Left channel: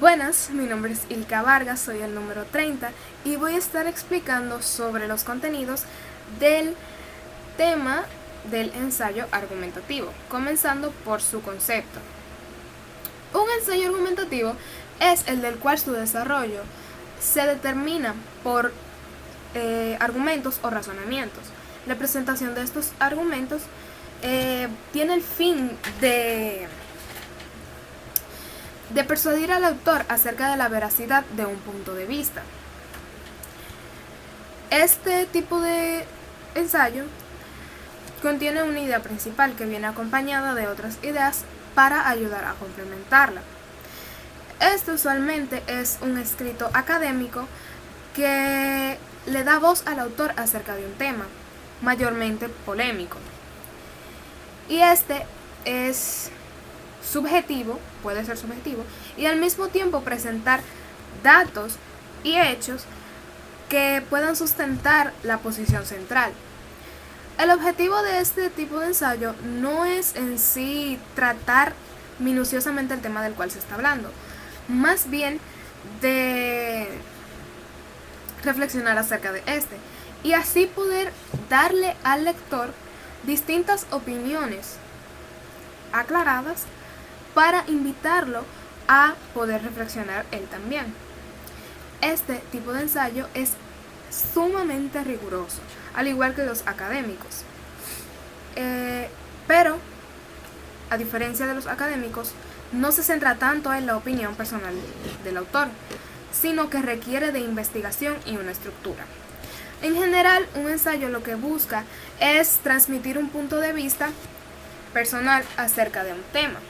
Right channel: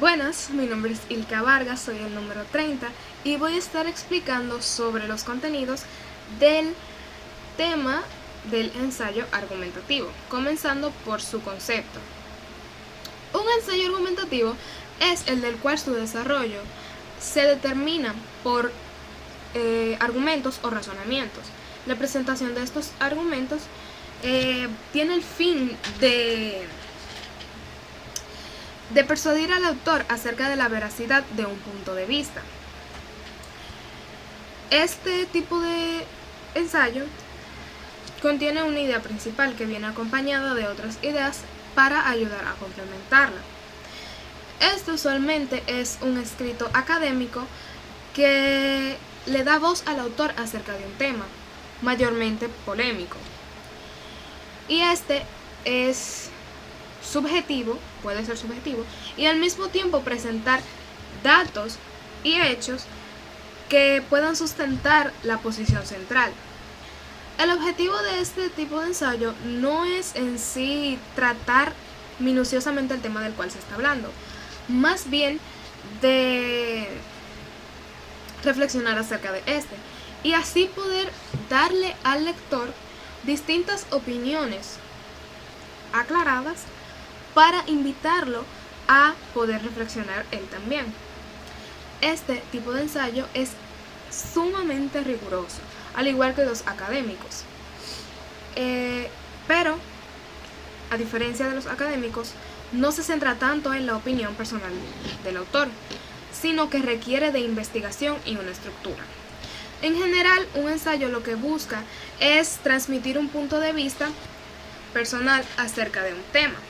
Buenas, mi nombre es Ilka Vargas, soy el número 30 y voy a estar explicando sobre los contenidos del tema del ensayo argumentativo, comenzando por su concepto. Un ensayo argumentativo es el del cual su desarrollo se determina por argumentos o razonamientos. La presentación de estos argumentos tiene el fin de persuadir al autor acerca de la veracidad de un punto de vista. Este tipo de ensayo contiene una idea principal que viene acompañada de otras ideas para ayudar a complementarla. Este usualmente es un escrito académico que le da voz al autor acerca de un tema, mayormente polémico. Y este es subjetivo, puede ser subjetivo, y al mismo tiempo presentar datos y hechos que puedan sustentar la posición central. El objetivo de este tipo de ensayo no es en sí tratar minuciosamente el tema del cual se está hablando, más bien de reflexionar acerca de este y así poder darle al lector distintas opiniones aclaradas para invitarlo a poder reflexionar él también. Este tipo de ensayo es sumamente riguroso, al igual que los académicos. Pero, a diferencia de los académicos, no se centra tanto en la opinión personal del autor, sino que requiere de investigación y una estructura. En general, un ensayo lo que busca es transmitir un punto de vista personal acerca de un tema.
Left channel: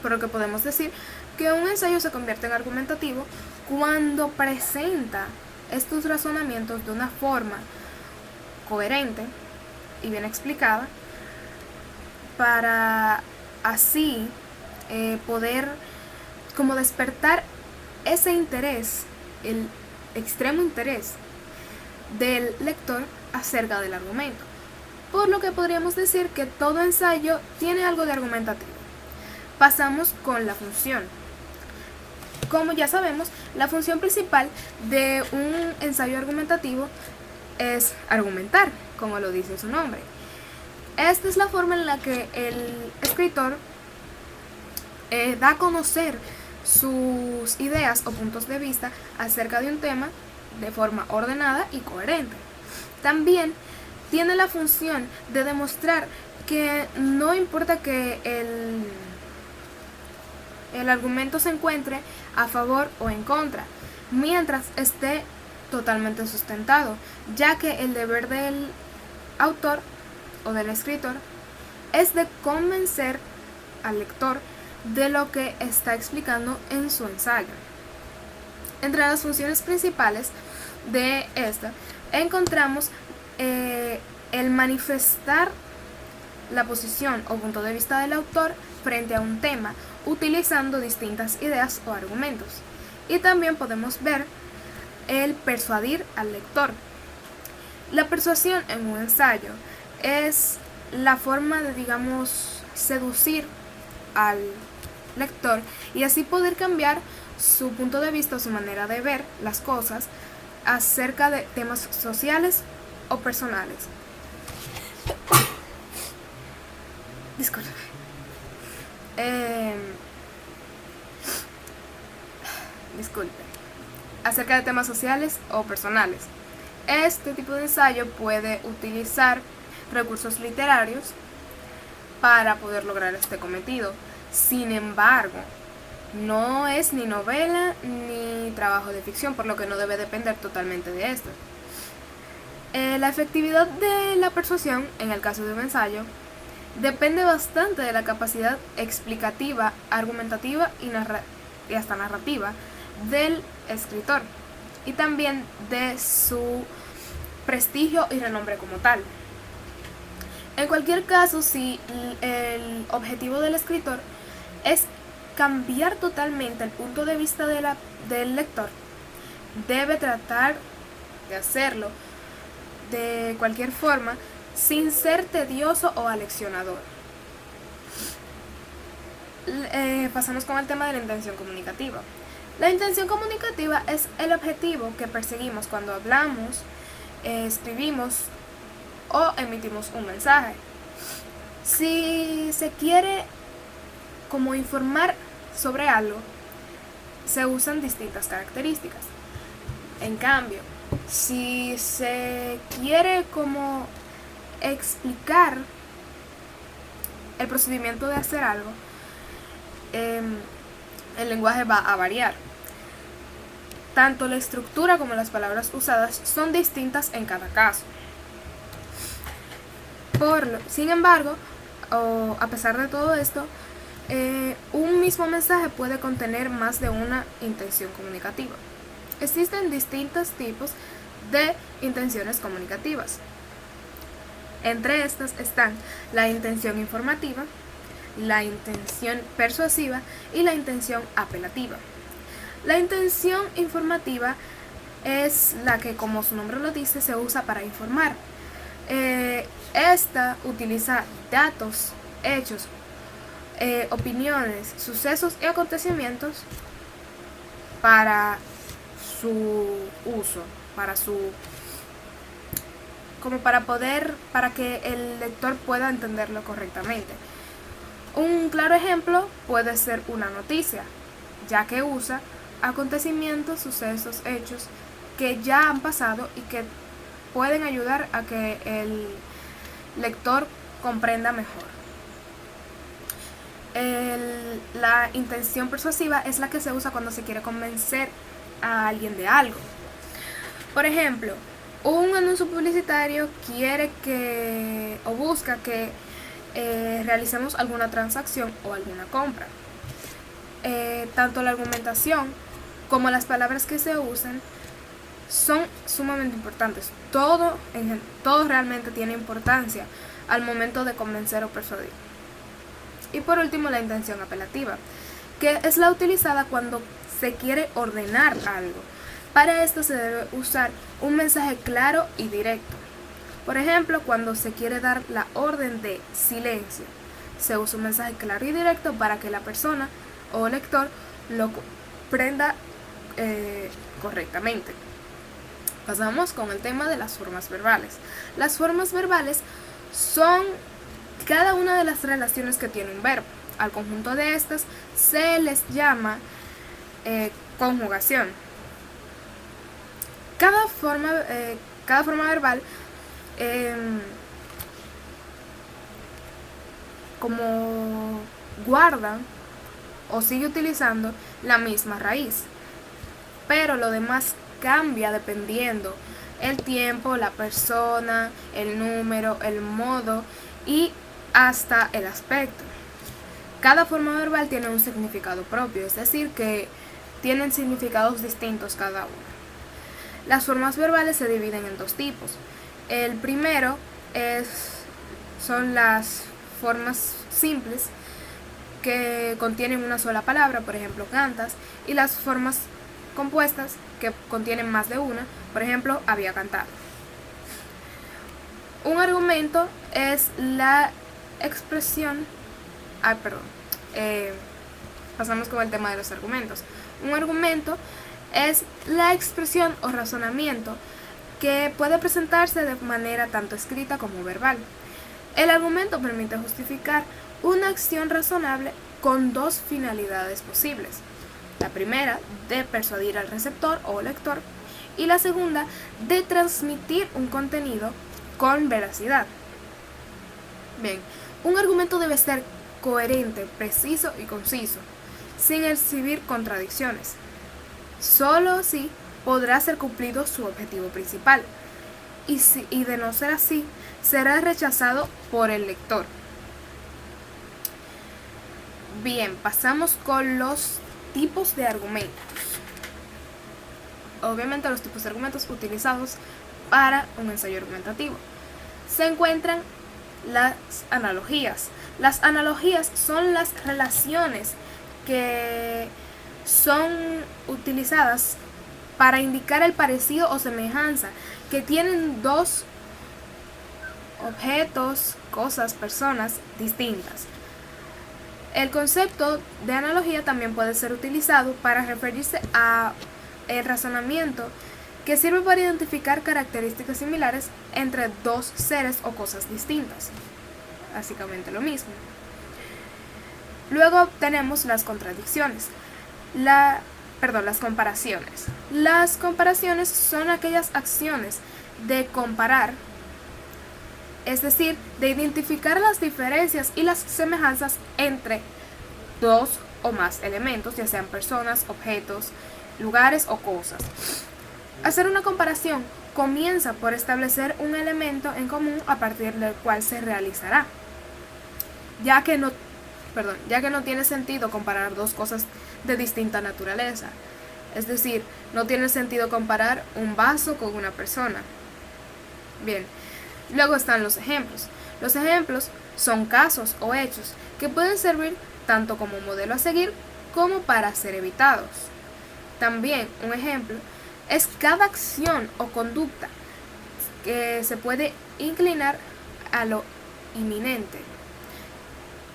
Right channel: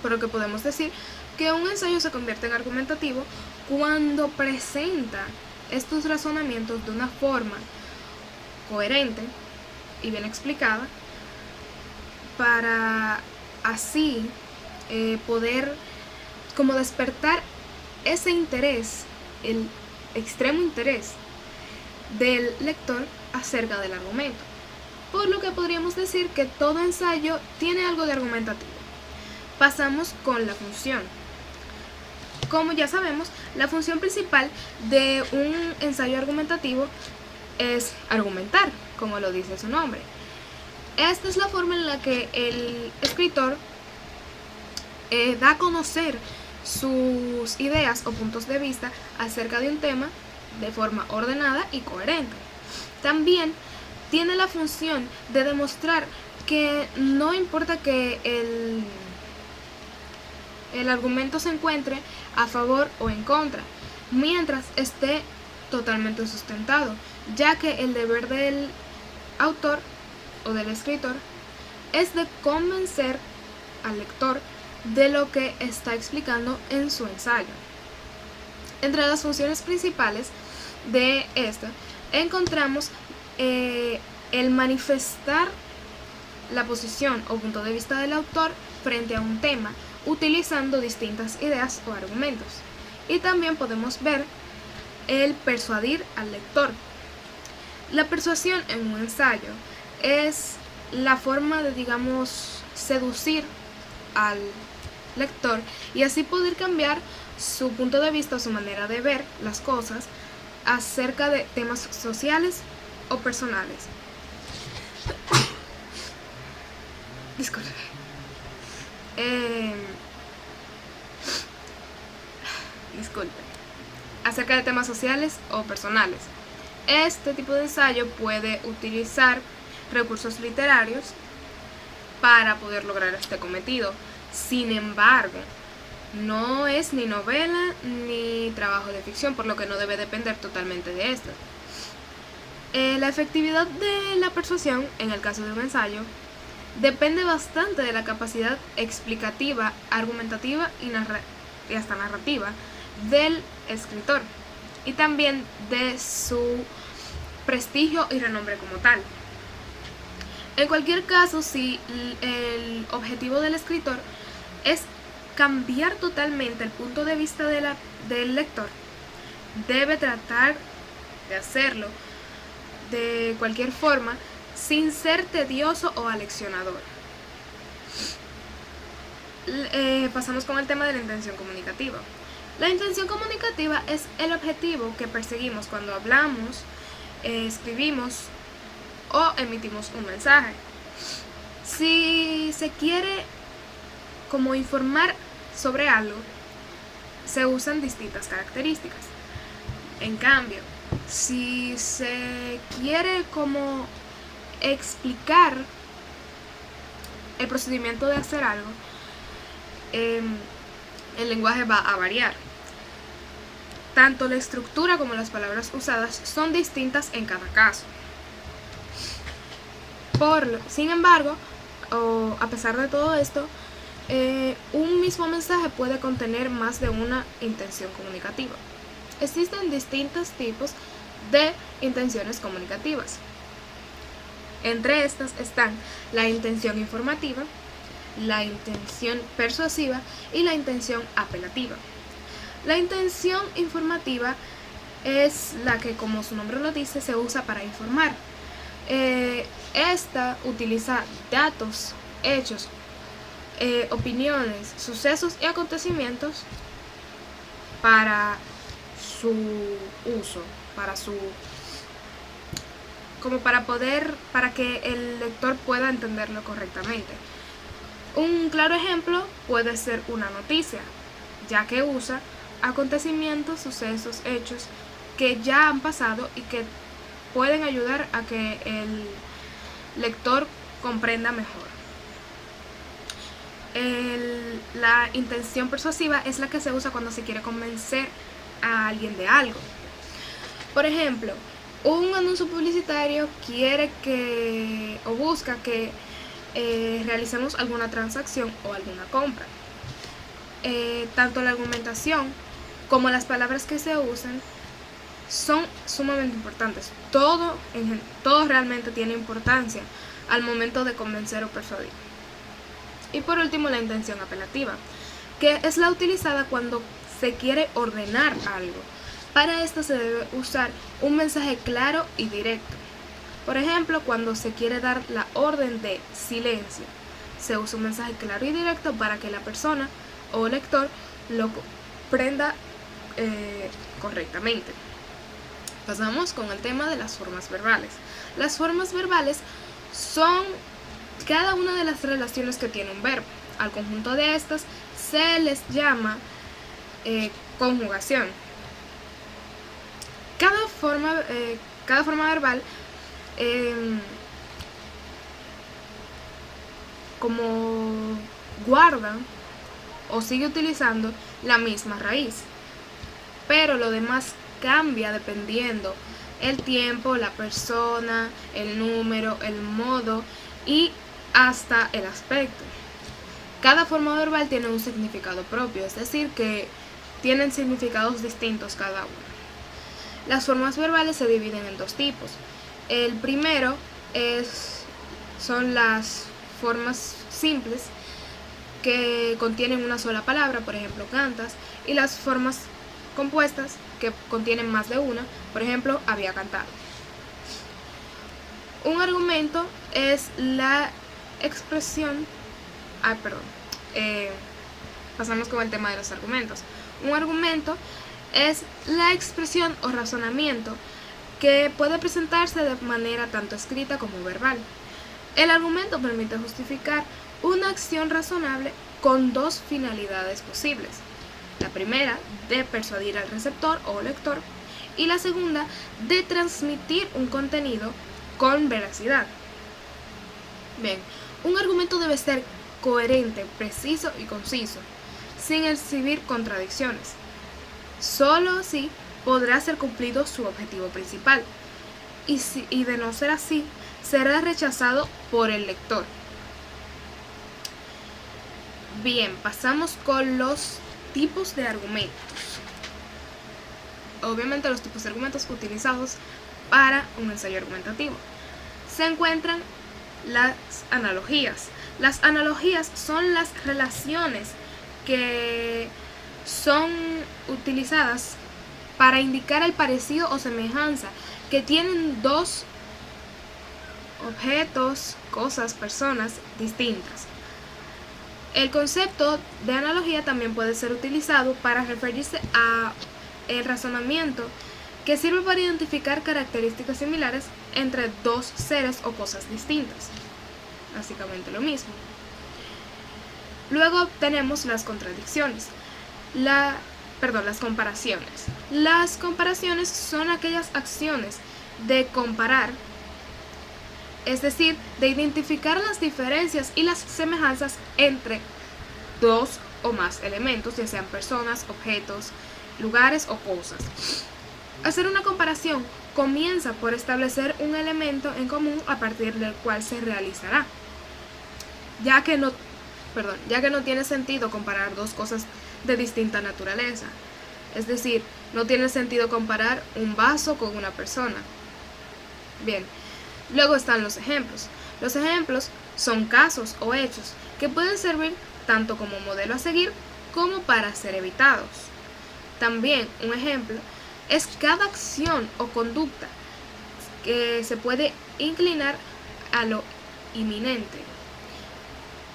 Por lo que podemos decir que un ensayo se convierte en argumentativo cuando presenta estos razonamientos de una forma coherente y bien explicada para así poder como despertar ese interés, el extremo interés del lector acerca del argumento. Por lo que podríamos decir que todo ensayo tiene algo de argumentativo. Pasamos con la función. Como ya sabemos, la función principal de un ensayo argumentativo es argumentar, como lo dice su nombre. Esta es la forma en la que el escritor da a conocer sus ideas o puntos de vista acerca de un tema de forma ordenada y coherente. También tiene la función de demostrar que no importa que el argumento se encuentre a favor o en contra, mientras esté totalmente sustentado, ya que el deber del autor o del escritor es de convencer al lector de lo que está explicando en su ensayo. Entre las funciones principales de esta encontramos el manifestar la posición o punto de vista del autor frente a un tema utilizando distintas ideas o argumentos. Y también podemos ver el persuadir al lector. La persuasión en un ensayo es la forma de, seducir al lector y así poder cambiar su punto de vista o su manera de ver las cosas acerca de temas sociales o personales. Disculpe. Acerca de temas sociales o personales. Este tipo de ensayo puede utilizar recursos literarios para poder lograr este cometido. Sin embargo, no es ni novela ni trabajo de ficción, por lo que no debe depender totalmente de esto. La efectividad de la persuasión, en el caso de un ensayo, depende bastante de la capacidad explicativa, argumentativa y hasta narrativa del escritor, y también de su prestigio y renombre como tal. En cualquier caso, si el objetivo del escritor es cambiar totalmente el punto de vista del lector, debe tratar de hacerlo de cualquier forma sin ser tedioso o aleccionador. Pasamos con el tema de la intención comunicativa. La intención comunicativa es el objetivo que perseguimos cuando hablamos, escribimos o emitimos un mensaje. Si se quiere como informar sobre algo, se usan distintas características. En cambio, si se quiere como explicar el procedimiento de hacer algo, el lenguaje va a variar. Tanto la estructura como las palabras usadas son distintas en cada caso. Sin embargo, a pesar de todo esto, un mismo mensaje puede contener más de una intención comunicativa. Existen distintos tipos de intenciones comunicativas. Entre estas están la intención informativa, la intención persuasiva y la intención apelativa. La intención informativa es la que, como su nombre lo dice, se usa para informar. Esta utiliza datos, hechos, opiniones, sucesos y acontecimientos para su uso, para que el lector pueda entenderlo correctamente. Un claro ejemplo puede ser una noticia, ya que usa acontecimientos, sucesos, hechos que ya han pasado y que pueden ayudar a que el lector comprenda mejor. La intención persuasiva es la que se usa cuando se quiere convencer a alguien de algo. Por ejemplo, un anuncio publicitario busca que realicemos alguna transacción o alguna compra. Tanto la argumentación como las palabras que se usan son sumamente importantes. Todo realmente tiene importancia al momento de convencer o persuadir. Y por último, la intención apelativa, que es la utilizada cuando se quiere ordenar algo. Para esto se debe usar un mensaje claro y directo. Por ejemplo, cuando se quiere dar la orden de silencio, se usa un mensaje claro y directo para que la persona o lector lo comprenda correctamente. Pasamos con el tema de las formas verbales. Las formas verbales son cada una de las relaciones que tiene un verbo. Al conjunto de estas se les llama conjugación. Cada forma verbal como guarda o sigue utilizando la misma raíz, pero lo demás cambia dependiendo el tiempo, la persona, el número, el modo y hasta el aspecto. Cada forma verbal tiene un significado propio, es decir, que tienen significados distintos cada una. Las formas verbales se dividen en dos tipos. El primero son las formas simples que contienen una sola palabra, por ejemplo, cantas, y las formas compuestas que contienen más de una, por ejemplo, había cantado. Un argumento es la expresión. Pasamos con el tema de los argumentos. Un argumento es la expresión o razonamiento que puede presentarse de manera tanto escrita como verbal. El argumento permite justificar una acción razonable con dos finalidades posibles. La primera, de persuadir al receptor o lector, y la segunda, de transmitir un contenido con veracidad. Bien, un argumento debe ser coherente, preciso y conciso, sin exhibir contradicciones. Solo así podrá ser cumplido su objetivo principal, y de no ser así, será rechazado por el lector. Bien, pasamos con los tipos de argumentos. Obviamente los tipos de argumentos utilizados para un ensayo argumentativo. Se encuentran las analogías. Las analogías son las relaciones que son utilizadas para indicar el parecido o semejanza que tienen dos objetos, cosas, personas distintas. El concepto de analogía también puede ser utilizado para referirse a el razonamiento que sirve para identificar características similares entre dos seres o cosas distintas. Básicamente lo mismo. Luego tenemos las contradicciones. Las comparaciones. Las comparaciones son aquellas acciones de comparar, es decir, de identificar las diferencias y las semejanzas entre dos o más elementos, ya sean personas, objetos, lugares o cosas. Hacer una comparación comienza por establecer un elemento en común a partir del cual se realizará, ya que no tiene sentido comparar dos cosas de distinta naturaleza. Es decir, no tiene sentido comparar un vaso con una persona. Bien, luego están los ejemplos. Los ejemplos son casos o hechos que pueden servir tanto como modelo a seguir como para ser evitados. También un ejemplo es cada acción o conducta que se puede inclinar a lo inminente.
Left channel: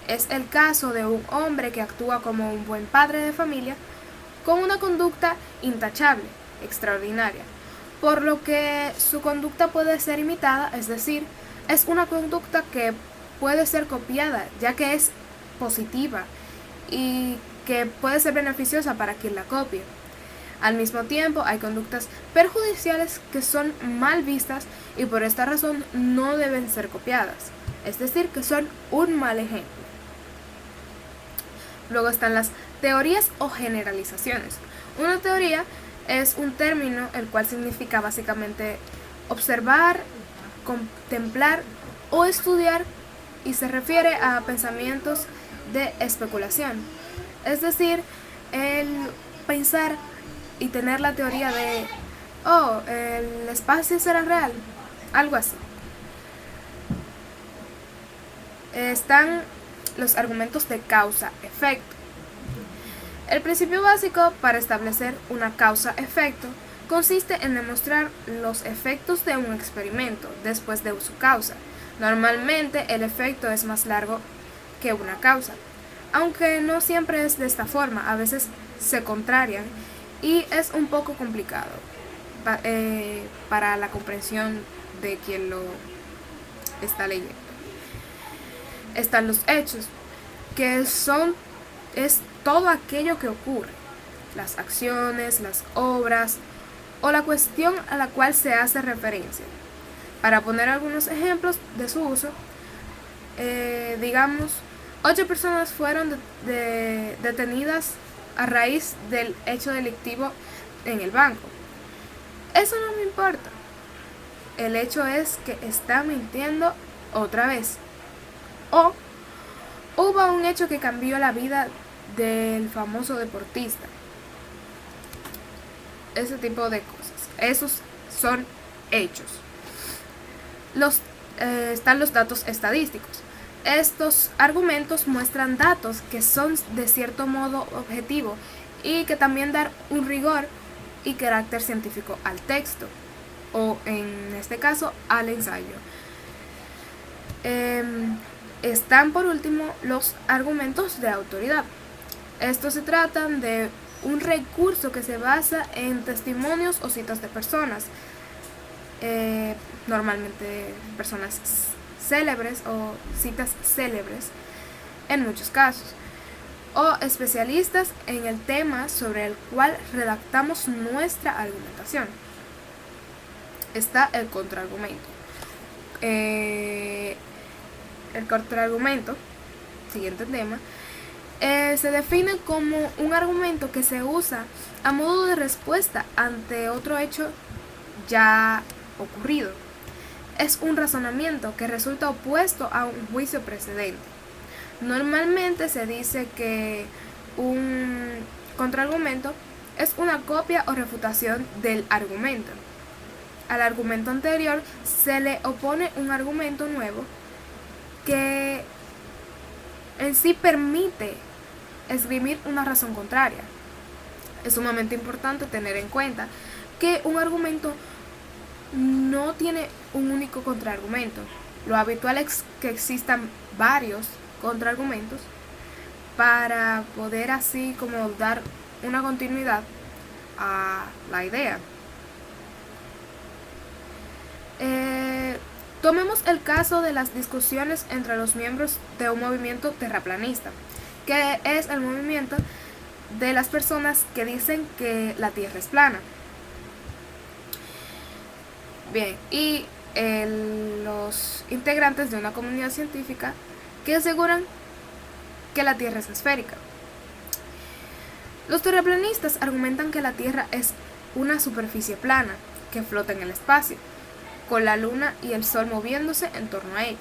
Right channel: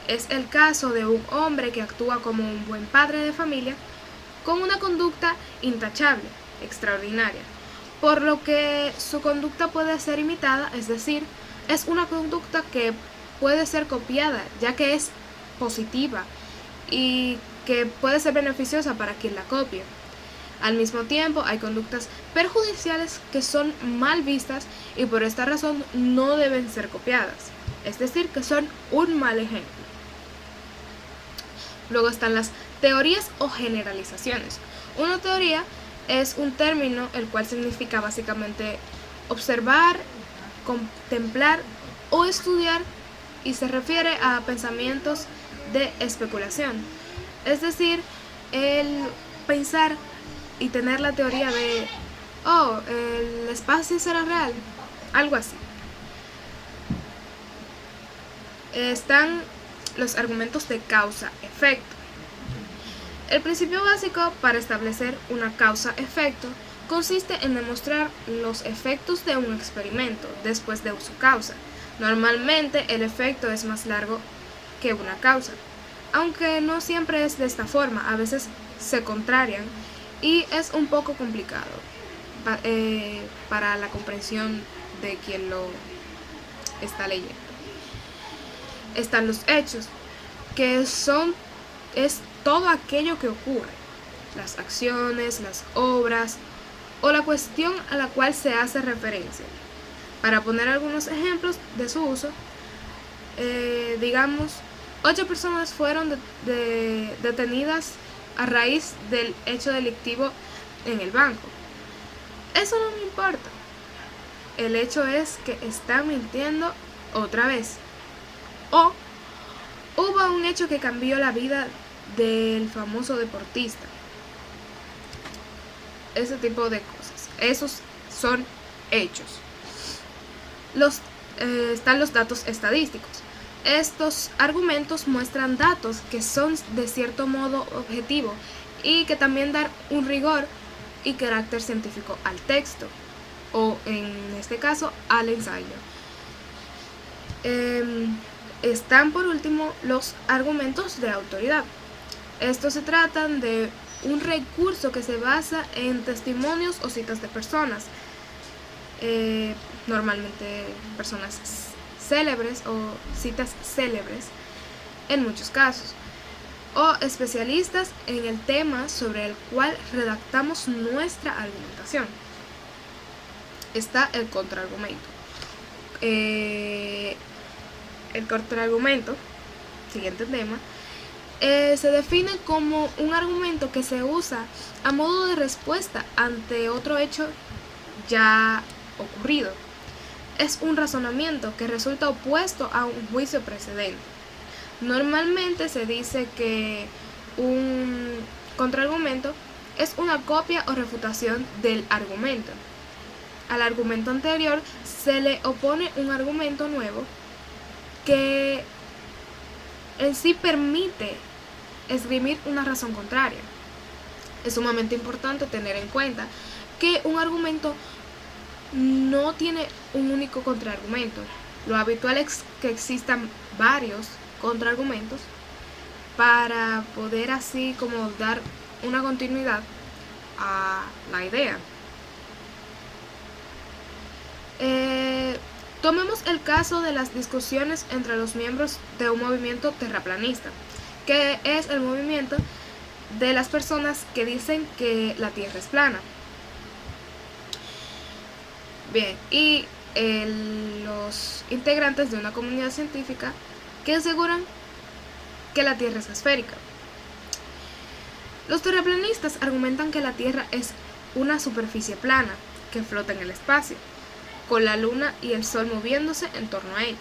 Es el caso de un hombre que actúa como un buen padre de familia con una conducta intachable, extraordinaria, por lo que su conducta puede ser imitada, es decir, es una conducta que puede ser copiada, ya que es positiva y que puede ser beneficiosa para quien la copie. Al mismo tiempo, hay conductas perjudiciales que son mal vistas y por esta razón no deben ser copiadas, es decir, que son un mal ejemplo. Luego están las teorías o generalizaciones. Una teoría es un término el cual significa básicamente observar, contemplar o estudiar y se refiere a pensamientos de especulación. Es decir, el pensar y tener la teoría de, el espacio será real, algo así. Están los argumentos de causa-efecto. El principio básico para establecer una causa-efecto consiste en demostrar los efectos de un experimento después de su causa. Normalmente el efecto es más largo que una causa, aunque no siempre es de esta forma, a veces se contrarian y es un poco complicado para la comprensión de quien lo está leyendo. Están los hechos, que es todo aquello que ocurre, las acciones, las obras o la cuestión a la cual se hace referencia. Para poner algunos ejemplos de su uso, digamos, 8 personas fueron detenidas a raíz del hecho delictivo en el banco. Eso no me importa. El hecho es que está mintiendo otra vez. O hubo un hecho que cambió la vida del famoso deportista. Ese tipo de cosas. Esos son hechos. Están los datos estadísticos. Estos argumentos muestran datos que son de cierto modo objetivo y que también dan un rigor y carácter científico al texto, o en este caso al ensayo. Están por último los argumentos de autoridad. Estos se tratan de un recurso que se basa en testimonios o citas de personas, normalmente personas célebres o citas célebres en muchos casos, o especialistas en el tema sobre el cual redactamos nuestra argumentación. Está el contraargumento. El contraargumento, siguiente tema, se define como un argumento que se usa a modo de respuesta ante otro hecho ya ocurrido. Es un razonamiento que resulta opuesto a un juicio precedente. Normalmente se dice que un contraargumento es una copia o refutación del argumento. Al argumento anterior se le opone un argumento nuevo que en sí permite esgrimir una razón contraria. Es sumamente importante tener en cuenta que un argumento no tiene un único contraargumento. Lo habitual es que existan varios contraargumentos para poder así como dar una continuidad a la idea. Tomemos el caso de las discusiones entre los miembros de un movimiento terraplanista, que es el movimiento de las personas que dicen que la Tierra es plana. Bien, y los integrantes de una comunidad científica que aseguran que la Tierra es esférica. Los terraplanistas argumentan que la Tierra es una superficie plana que flota en el espacio, con la Luna y el Sol moviéndose en torno a ella.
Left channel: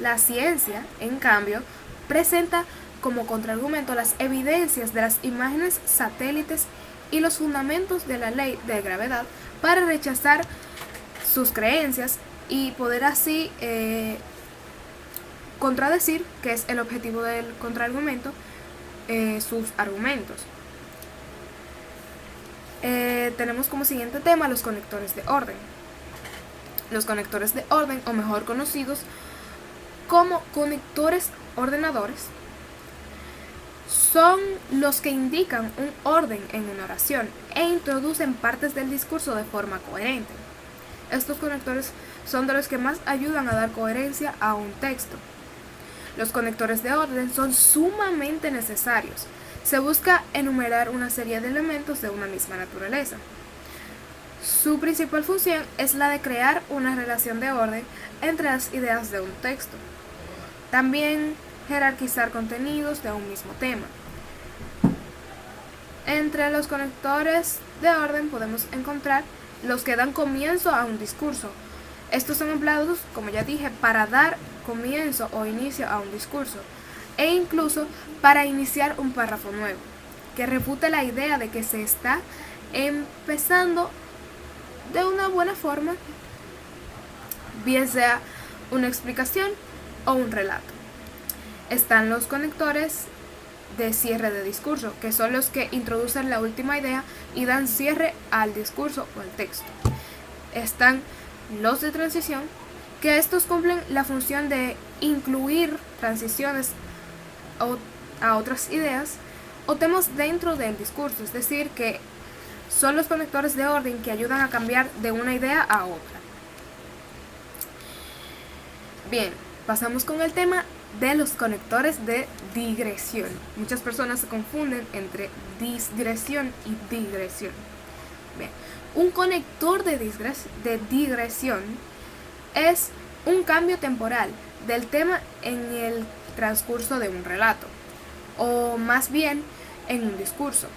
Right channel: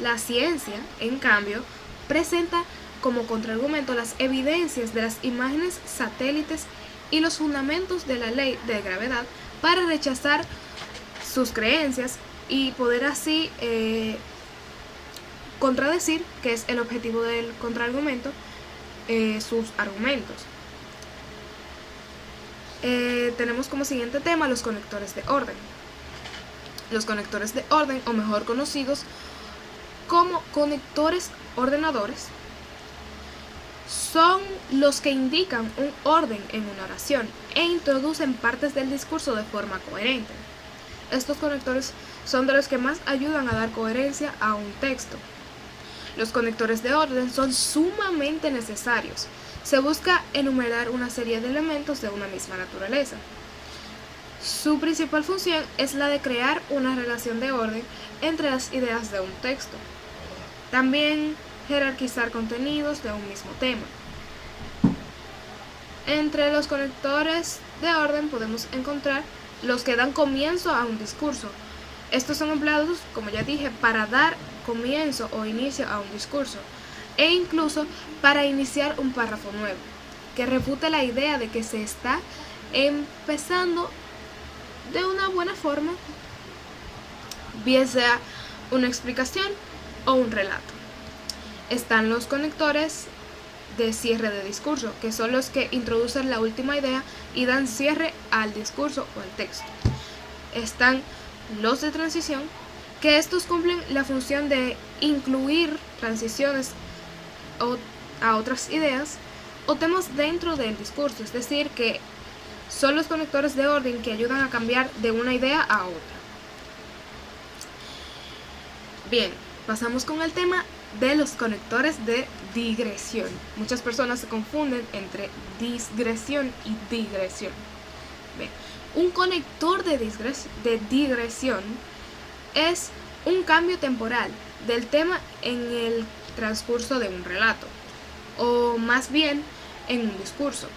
La ciencia, en cambio, presenta como contraargumento las evidencias de las imágenes satélites y los fundamentos de la ley de gravedad para rechazar sus creencias y poder así contradecir, que es el objetivo del contraargumento, sus argumentos. Tenemos como siguiente tema los conectores de orden. Los conectores de orden, o mejor conocidos como conectores ordenadores, son los que indican un orden en una oración e introducen partes del discurso de forma coherente. Estos conectores son de los que más ayudan a dar coherencia a un texto. Los conectores de orden son sumamente necesarios. Se busca enumerar una serie de elementos de una misma naturaleza. Su principal función es la de crear una relación de orden entre las ideas de un texto. También jerarquizar contenidos de un mismo tema. Entre los conectores de orden podemos encontrar los que dan comienzo a un discurso. Estos son empleados, como ya dije, para dar comienzo o inicio a un discurso, e incluso para iniciar un párrafo nuevo, que refute la idea de que se está empezando de una buena forma, bien sea una explicación o un relato. Están los conectores de cierre de discurso, que son los que introducen la última idea y dan cierre al discurso o al texto. Están los de transición, que estos cumplen la función de incluir transiciones a otras ideas o temas dentro del discurso, es decir, que son los conectores de orden que ayudan a cambiar de una idea a otra. Bien, pasamos con el tema de los conectores de digresión. Muchas personas se confunden entre disgresión y digresión. Bien, un conector de digresión es un cambio temporal del tema en el transcurso de un relato, o más bien en un discurso,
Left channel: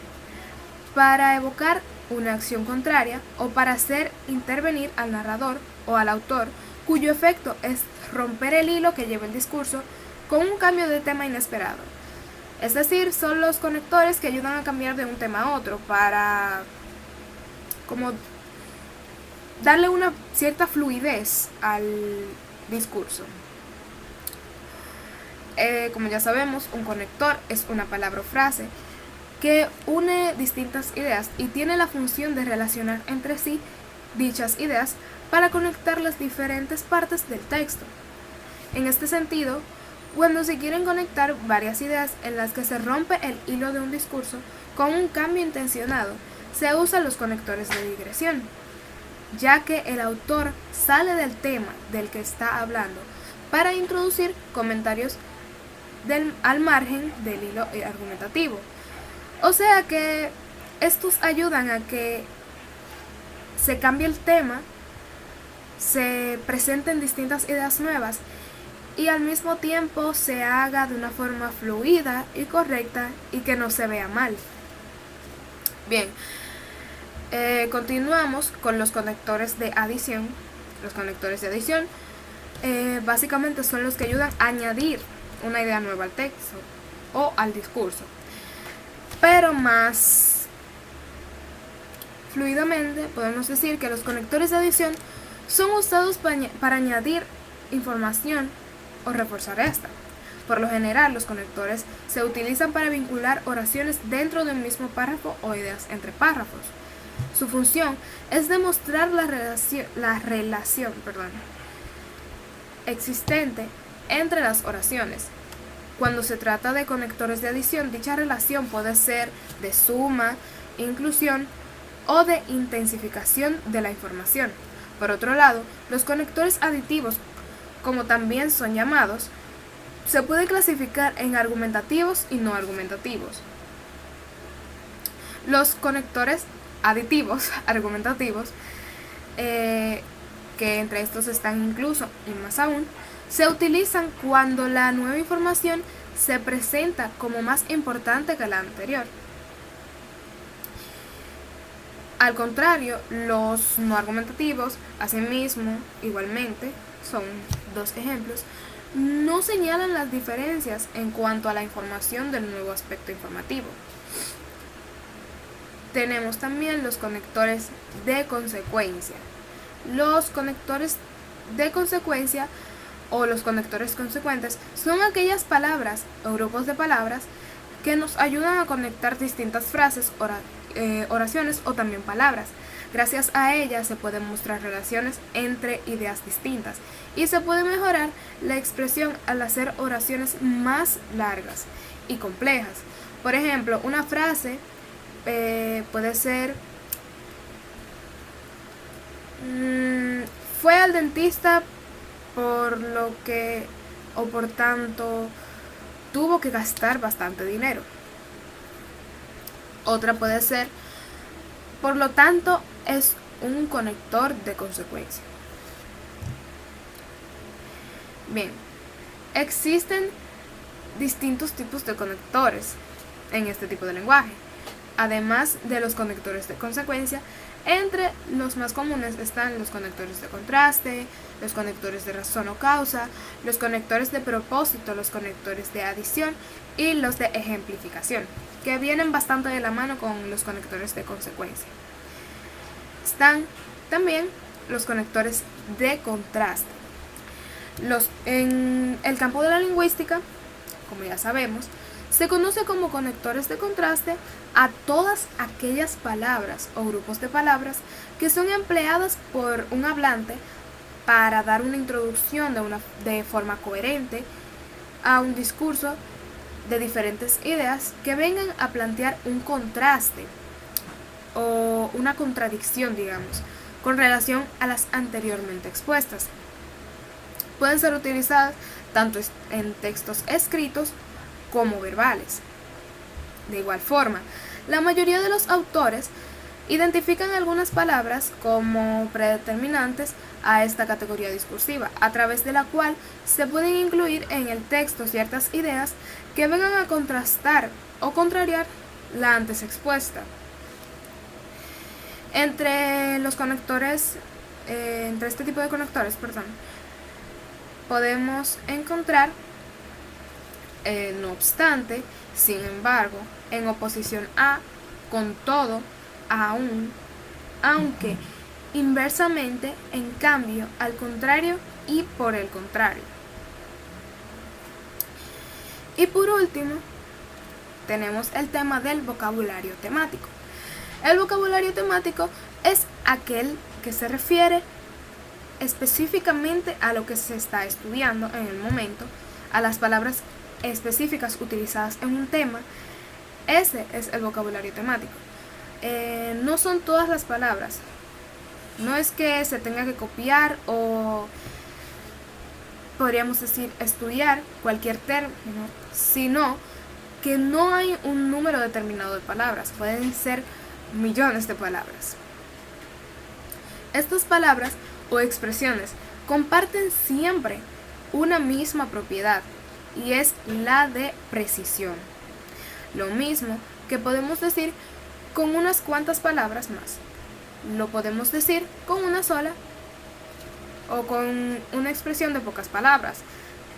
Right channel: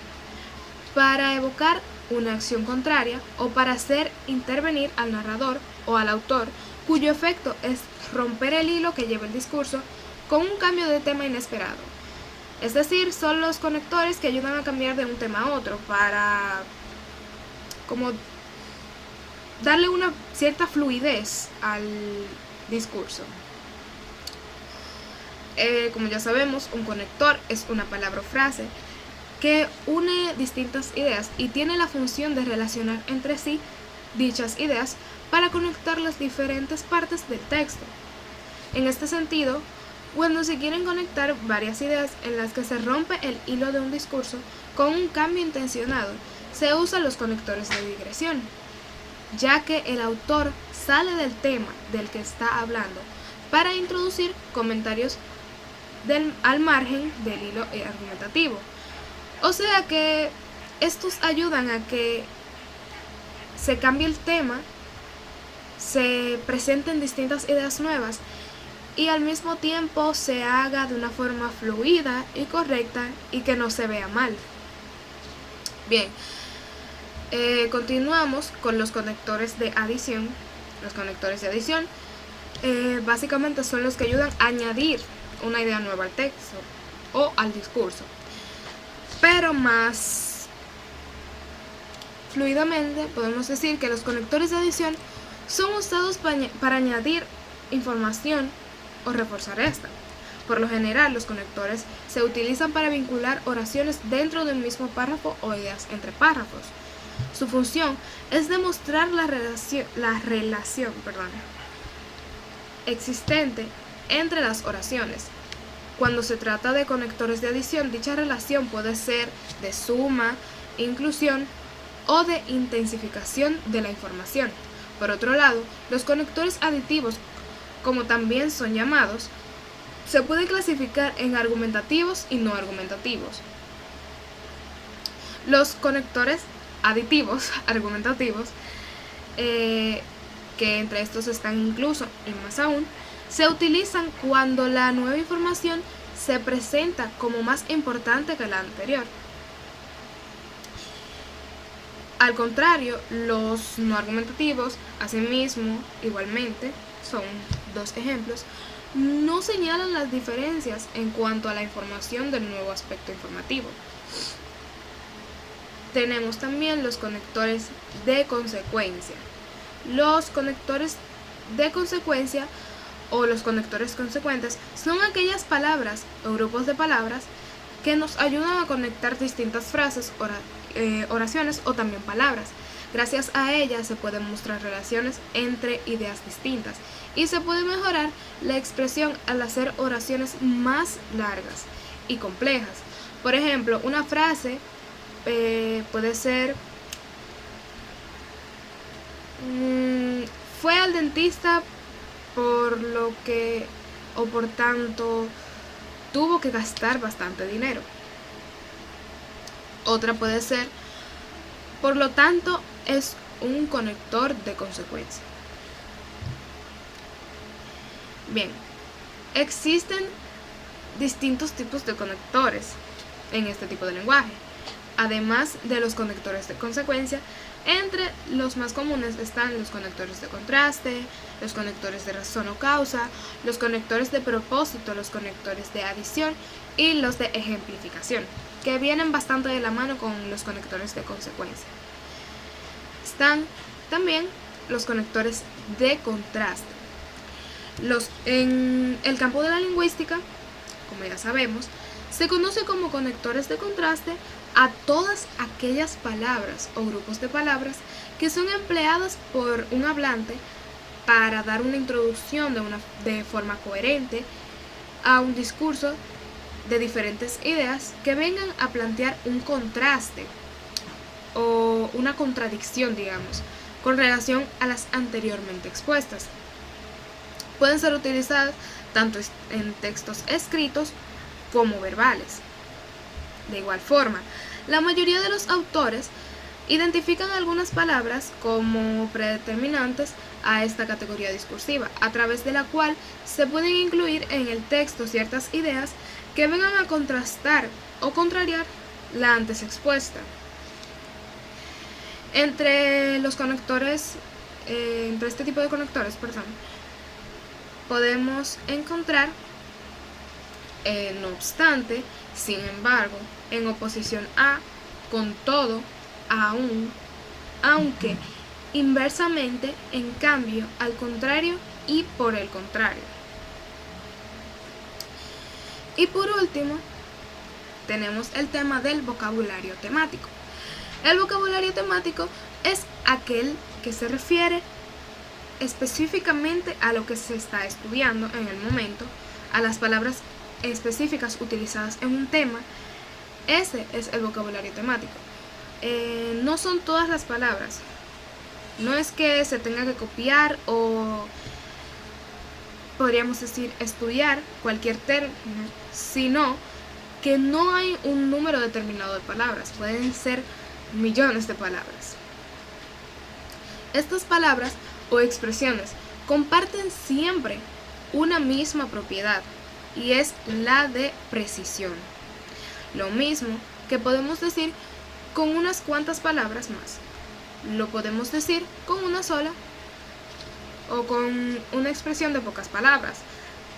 para evocar una acción contraria o para hacer intervenir al narrador o al autor, cuyo efecto es romper el hilo que lleva el discurso con un cambio de tema inesperado. Es decir, son los conectores que ayudan a cambiar de un tema a otro para como darle una cierta fluidez al discurso. Como ya sabemos, un conector es una palabra o frase que une distintas ideas y tiene la función de relacionar entre sí dichas ideas para conectar las diferentes partes del texto. En este sentido, cuando se quieren conectar varias ideas en las que se rompe el hilo de un discurso con un cambio intencionado, se usan los conectores de digresión, ya que el autor sale del tema del que está hablando para introducir comentarios al margen del hilo argumentativo. O sea que estos ayudan a que se cambie el tema, se presenten distintas ideas nuevas y al mismo tiempo se haga de una forma fluida y correcta y que no se vea mal. Bien, continuamos con los conectores de adición. Los conectores de adición básicamente son los que ayudan a añadir una idea nueva al texto o al discurso, pero más fluidamente podemos decir que los conectores de adición son usados para añadir información o reforzar esta. Por lo general, los conectores se utilizan para vincular oraciones dentro de un mismo párrafo o ideas entre párrafos. Su función es demostrar la relación existente entre las oraciones, Cuando se trata de conectores de adición, dicha relación puede ser de suma, inclusión o de intensificación de la información. Por otro lado, los conectores aditivos, como también son llamados, se pueden clasificar en argumentativos y no argumentativos. Los conectores aditivos, argumentativos, que entre estos están incluso y más aún, se utilizan cuando la nueva información se presenta como más importante que la anterior. Al contrario, los no argumentativos, asimismo, igualmente, son dos ejemplos, no señalan las diferencias en cuanto a la información del nuevo aspecto informativo. Tenemos también los conectores de consecuencia. Los conectores de consecuencia o los conectores consecuentes son aquellas palabras o grupos de palabras que nos ayudan a conectar distintas frases, oraciones o también palabras. Gracias a ellas se pueden mostrar relaciones entre ideas distintas y se puede mejorar la expresión al hacer oraciones más largas y complejas. Por ejemplo, una frase puede ser: fue al dentista por lo que o por tanto tuvo que gastar bastante dinero. Otra puede ser: por lo tanto es un conector de consecuencia. Bien, existen distintos tipos de conectores en este tipo de lenguaje. Además de los conectores de consecuencia, entre los más comunes están los conectores de contraste, los conectores de razón o causa, los conectores de propósito, los conectores de adición y los de ejemplificación, que vienen bastante de la mano con los conectores de consecuencia. Están también los conectores de contraste. En el campo de la lingüística, como ya sabemos, se conoce como conectores de contraste a todas aquellas palabras o grupos de palabras que son empleadas por un hablante para dar una introducción de forma coherente a un discurso de diferentes ideas que vengan a plantear un contraste o una contradicción, digamos, con relación a las anteriormente expuestas. Pueden ser utilizadas tanto en textos escritos como verbales. De igual forma, la mayoría de los autores identifican algunas palabras como predeterminantes a esta categoría discursiva, a través de la cual se pueden incluir en el texto ciertas ideas que vengan a contrastar o contrariar la antes expuesta. Entre este tipo de conectores, podemos encontrar no obstante, sin embargo, en oposición a, con todo, aún, aunque, inversamente, en cambio, al contrario y por el contrario. Y por último, tenemos el tema del vocabulario temático. El vocabulario temático es aquel que se refiere específicamente a lo que se está estudiando en el momento, a las palabras específicas utilizadas en un tema. Ese es el vocabulario temático. No son todas las palabras. No es que se tenga que copiar o podríamos decir estudiar cualquier término, sino que no hay un número determinado de palabras. Pueden ser millones de palabras. Estas palabras o expresiones comparten siempre una misma propiedad, y es la de precisión. Lo mismo que podemos decir con unas cuantas palabras más. Lo podemos decir con una sola o con una expresión de pocas palabras,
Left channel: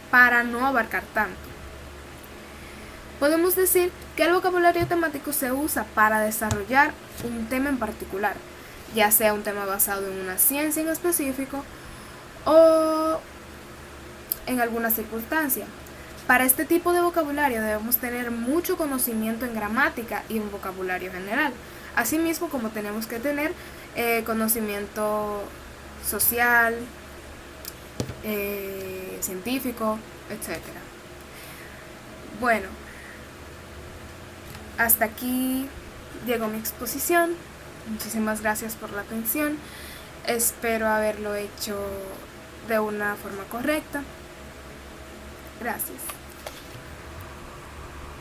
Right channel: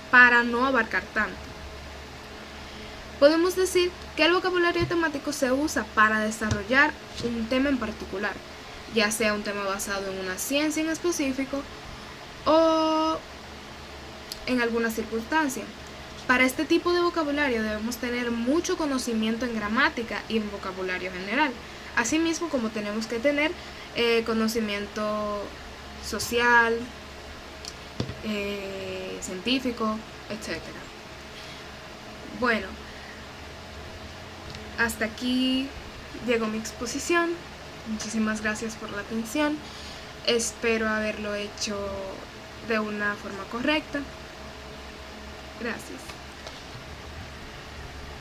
para no abarcar tanto. Podemos decir que el vocabulario temático se usa para desarrollar un tema en particular, ya sea un tema basado en una ciencia en específico o en alguna circunstancia. Para este tipo de vocabulario debemos tener mucho conocimiento en gramática y en vocabulario general, asimismo como tenemos que tener conocimiento social, científico, etc. Bueno, hasta aquí llegó mi exposición. Muchísimas gracias por la atención. Espero haberlo hecho de una forma correcta. Gracias.